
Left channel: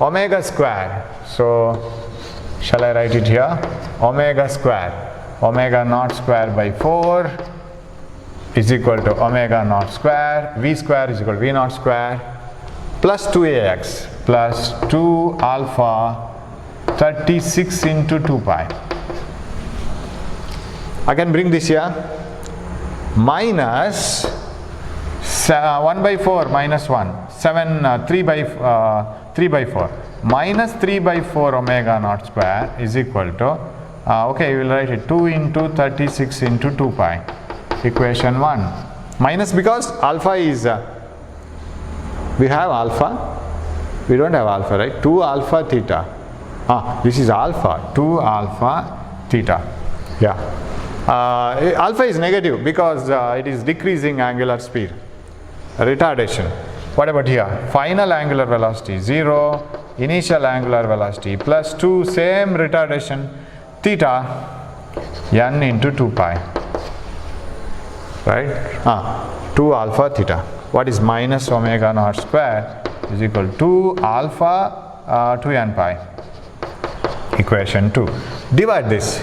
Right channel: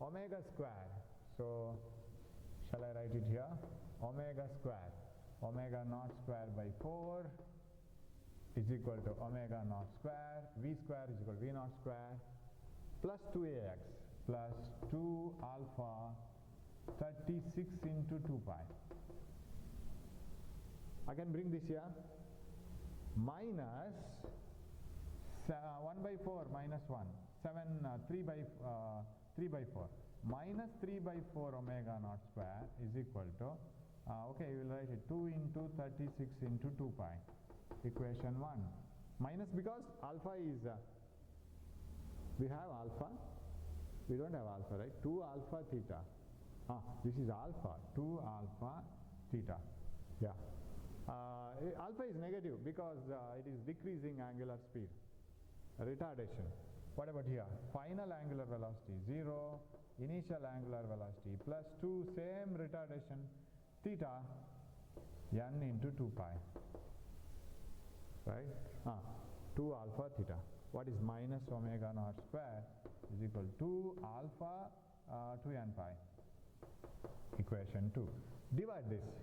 Omega square, so shall I write it here? Omega square, omega naught square by 4 is equal to omega naught square, v square is equal to v naught square plus 2ax plus 2 alpha 36 into 2 pi. I can bring this here, minus 1 by 4 minus 1, 3 by 4, minus 3 by 4 omega naught square is equal to, okay, we will write it 2 into 36 into 2 pi, equation 1. Minus because alpha is, we have alpha, we don't have alpha, right? 2 alpha theta. This is alpha, 2 alpha theta. Yeah. Alpha is negative because it is decreasing angular speed, retardation. What about here? Final angular velocity 0, initial angular velocity plus 2, same retardation, theta, n into 2 pi, right? 2 alpha theta. What is minus omega naught square is equal to 2 alpha 2n pi, equation 2. Divide this.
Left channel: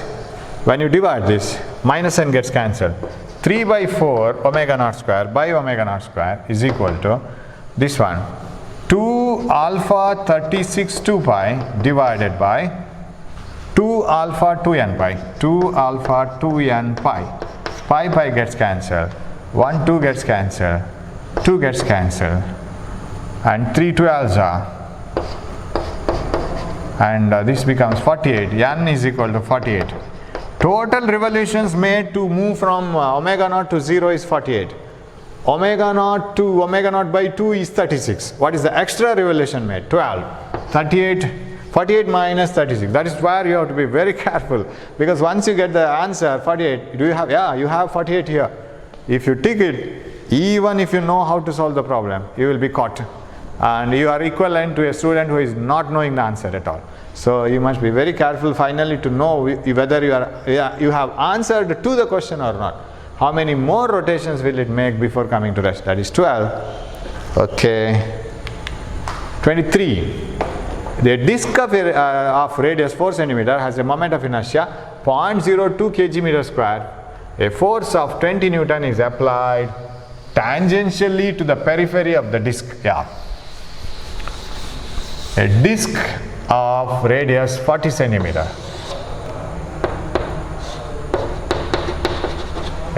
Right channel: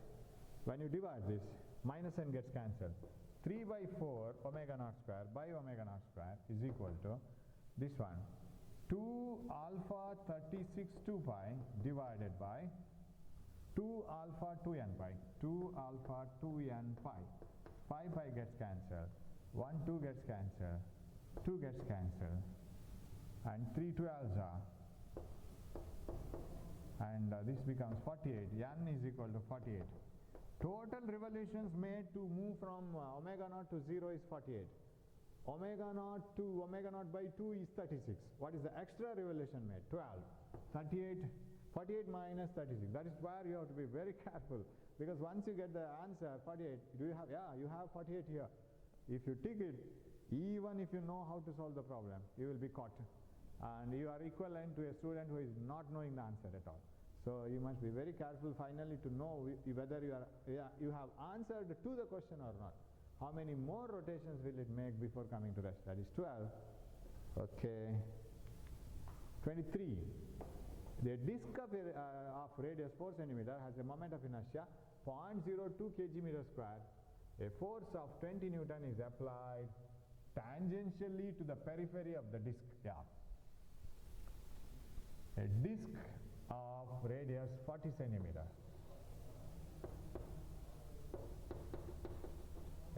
When you divide this, minus n gets cancelled. 3 by 4 omega naught square by omega naught square is equal to this one, 2 alpha 36 2 pi divided by 2 alpha 2n pi, 2 alpha 2n pi. Pi gets cancelled, 1 2 gets cancelled, 2 gets cancelled, and 3 12s are, and this becomes 48. N is equal to 48. Total revolutions made to move from omega naught to 0 is 48. Omega naught to omega naught by 2 is 36. What is the extra revolution made? 12. 48 minus 36. That is where you have to be very careful, because once you get the answer 48, do you have, yeah, you have 48 here. If you tick it, even if you know how to solve the problem, you will be caught, and you are equivalent to a student who is not knowing the answer at all. So you must be very careful finally to know whether you have answered to the question or not. How many more rotations will it make before coming to rest? That is 12. Okay. 23. The disk of radius 4 cm has a moment of inertia 0.02 kg meter square. A force of 20 Newton is applied tangentially to the periphery of the disk. Yeah. A disk of radius 40 cm.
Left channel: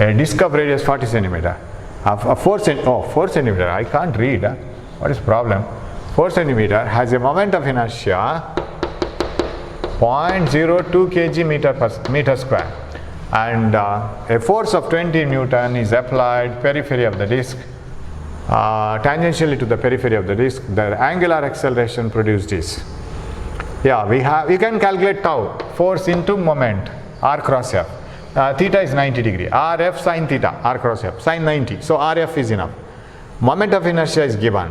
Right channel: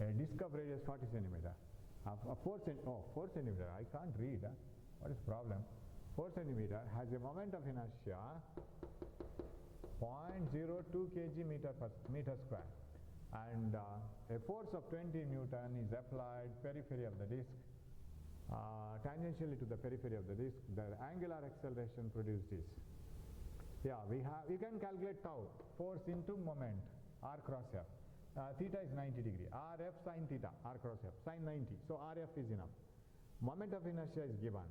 A disk of radius 40 cm. 4 cm. I can't read. What is the problem? 4 cm has a moment of inertia 0.02 kg meter square, and a force of 20 Newton is applied periphery of the disk, tangentially to the periphery of the disk. The angular acceleration produced is, yeah, we can calculate tau, force into moment, r cross f. Theta is 90 degree, rf sin theta, r cross f, sin 90, so rf is enough. Moment of inertia is given.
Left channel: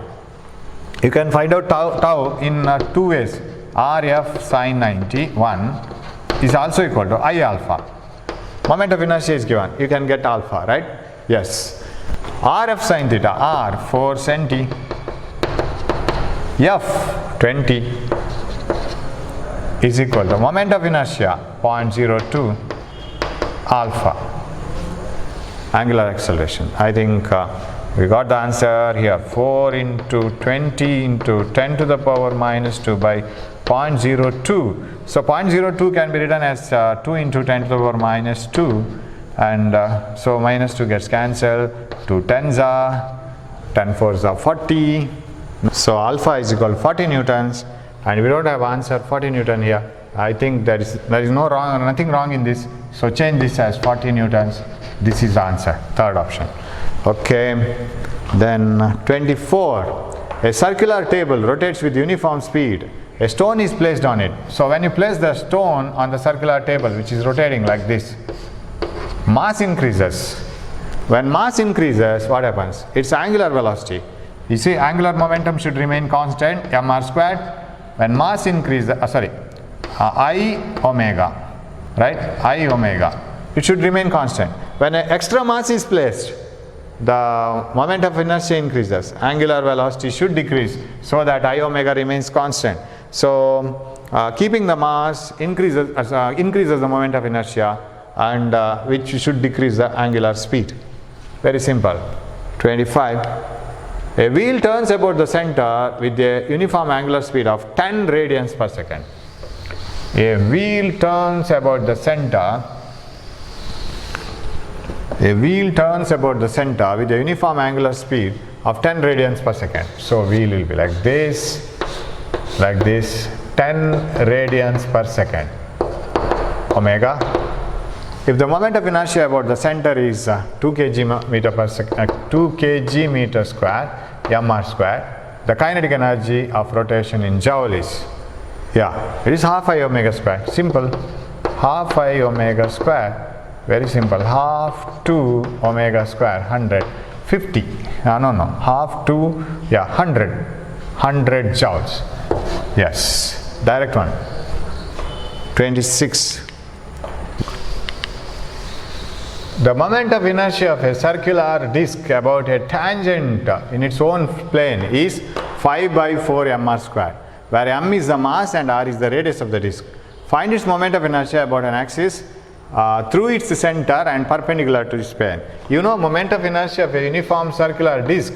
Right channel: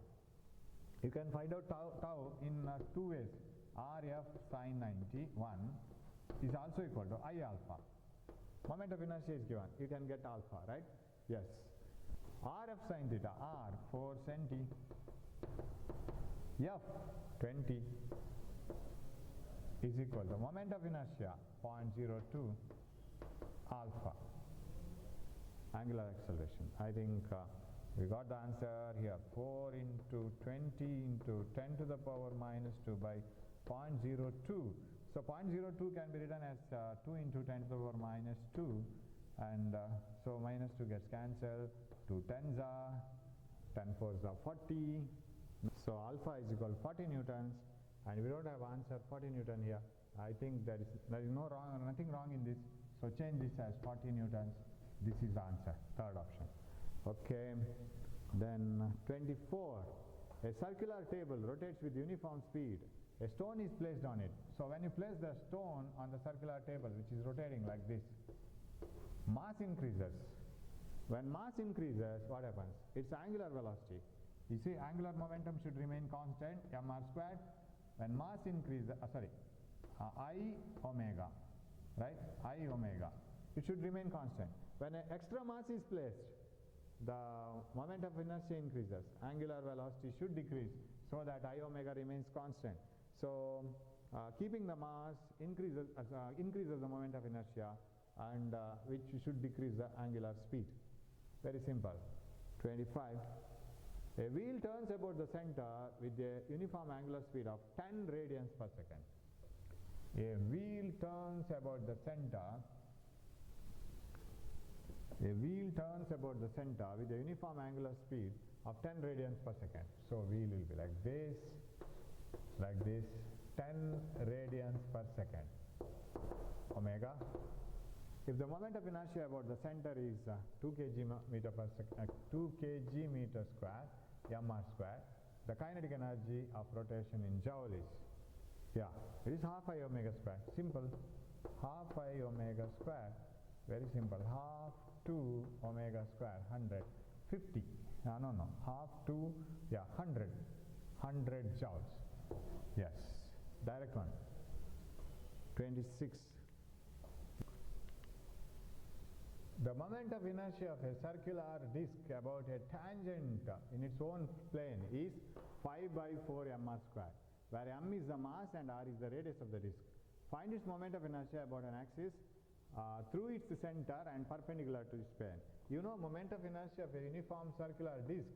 You can find out tau in 2 ways. Rf sin 90, 1 is also equal to I alpha. Moment of inertia is given. You can get alpha, right? Yes. Rf sin theta, r 4 centi, f 20 is equal to moment of inertia 0.02 alpha, angular acceleration. I think we got the answer here. 4 into 20 into 10 to the power minus 2 by 0.02. So 0.02 can be written as 2 into 10 to the power minus 2, and so minus 2 gets cancelled, 2 10s are, 10 4s are 40. So alpha is equal to 40 newtons, and we don't have answer 40 Newton here. I think there is nothing wrong in this, so change this as 40 newtons. This is the answer, third option. Okay, then 24. A circular table rotates with uniform speed. A stone is placed on it. So when you place the stone on the circular table, which is rotating like this, mass increases. When mass increases, what happens? Its angular velocity. You see, angular momentum should remain constant, mr squared. When mass increases, I omega, right? I omega. It should remain constant. When an extra mass is placed, the moment of inertia increases, angular velocity should decrease so that I omega remains constant. So keeping the mass increases the moment of inertia, and which should decrease the angular speed. Very simple. 25. A wheel turns about the center with a uniform angular speed of 10 radians per second. A wheel turns about the center. A wheel turns about the center with a uniform angular speed of 10 radians per second. So wheel will be like this, 10 radians per second, omega. If the moment of inertia about the center is 2 kg meter per second, 2 kg meter square, mr square, the kinetic energy of rotation in joule is, it is half I omega square. Simple. Half I omega square. Very simple. Half 2 omega square, 100, 50. Half 2, 100 joules. Yes, direct one. 26. The moment of inertia of a circular disk about a tangent in its own plane is 5 by 4 mr square, where m is the mass and r is the radius of the disk. Find its moment of inertia about an axis through its center and perpendicular to its plane. You know, moment of inertia of a uniform circular disk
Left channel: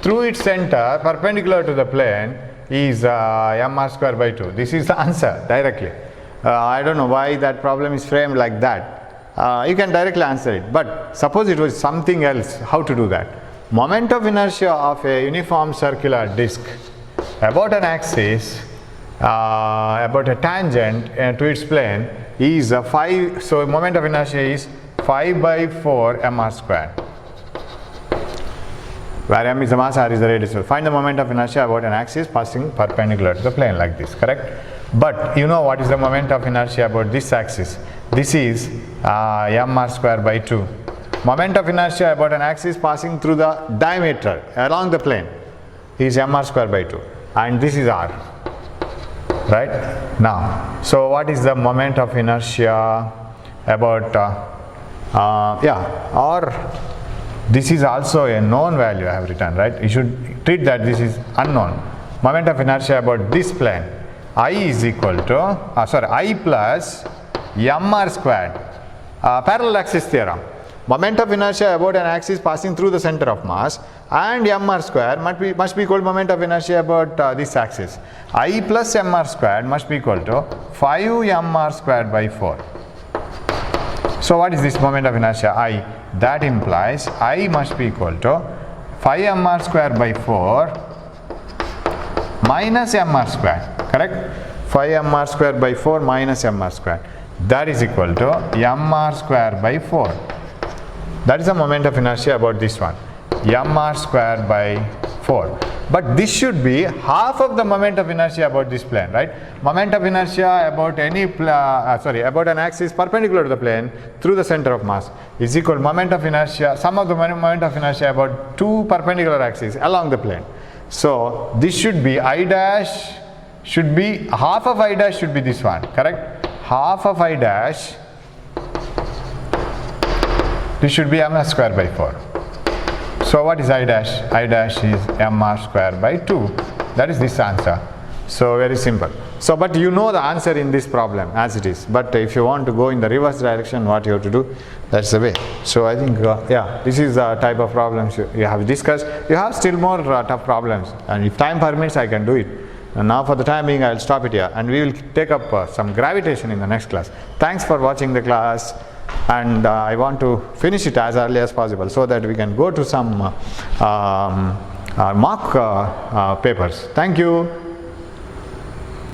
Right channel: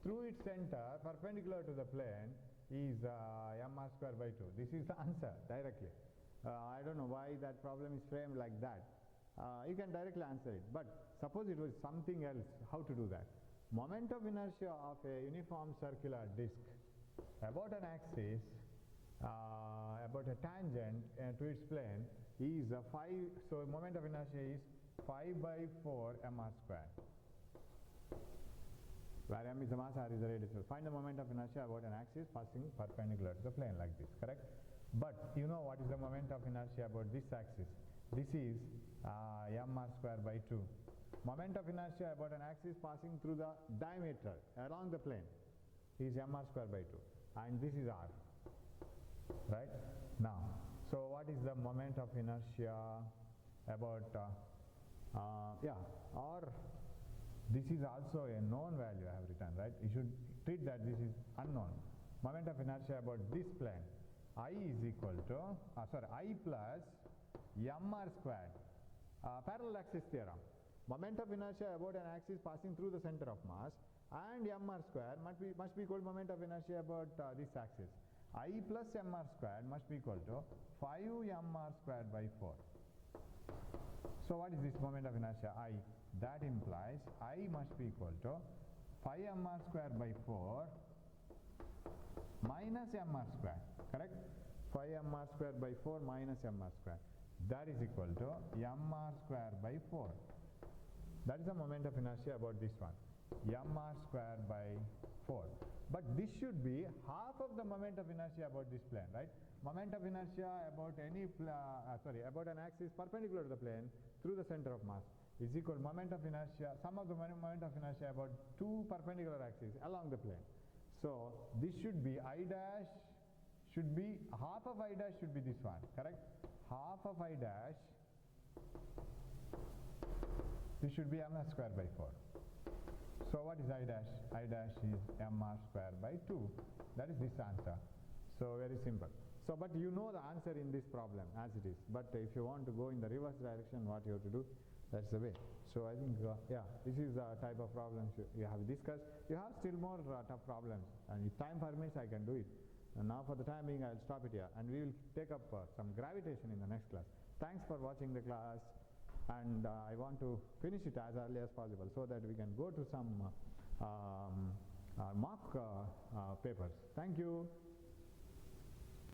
through its center perpendicular to the plane is mr square by 2. This is the answer directly. I don't know why that problem is framed like that. You can directly answer it, but suppose it was something else, how to do that? Moment of inertia of a uniform circular disk about an axis, about a tangent to its plane is 5, so moment of inertia is 5 by 4 mr square, where m is the mass, r is the radius. Find the moment of inertia about an axis passing perpendicular to the plane like this, correct? But you know what is the moment of inertia about this axis? This is mr square by 2. Moment of inertia about an axis passing through the diameter along the plane is mr square by 2, and this is r, right? Now, so what is the moment of inertia about or this is also a known value I have written, right? You should treat that this is unknown. Moment of inertia about this plane, I is equal to I plus mr squared, parallel axis theorem. Moment of inertia about an axis passing through the center of mass and mr square must be equal to moment of inertia about this axis. I plus mr squared must be equal to 5 mr squared by 4. So what is this moment of inertia I? That implies I must be equal to 5 mr squared by 4 minus mr squared, correct? 5 mr squared by 4 minus mr squared. That is equal to mr square by 4. That is the moment of inertia about this one, mr square by 4. But this should be half of the moment of inertia about this plane, right? Moment of inertia about any about an axis perpendicular to the plane through the center of mass is equal to moment of inertia, sum of the moment of inertia about two perpendicular axes along the plane. So this should be I dash, should be half of I dash should be this one, correct? Half of I dash, this should be mr square by 4. So what is I dash? I dash is mr square by 2. That is this answer. So very simple. So but you know the answer in this problem as it is. But if you want to go in the reverse direction, what you have to do, that's the way. So I think this is the type of problems you have discussed. You have still more tough problems, and if time permits I can do it. And now for the time being I will stop it here, and we will take up some gravitation in the next class. Thanks for watching the class, and I want to finish it as early as possible so that we can go to some mock papers. Thank you.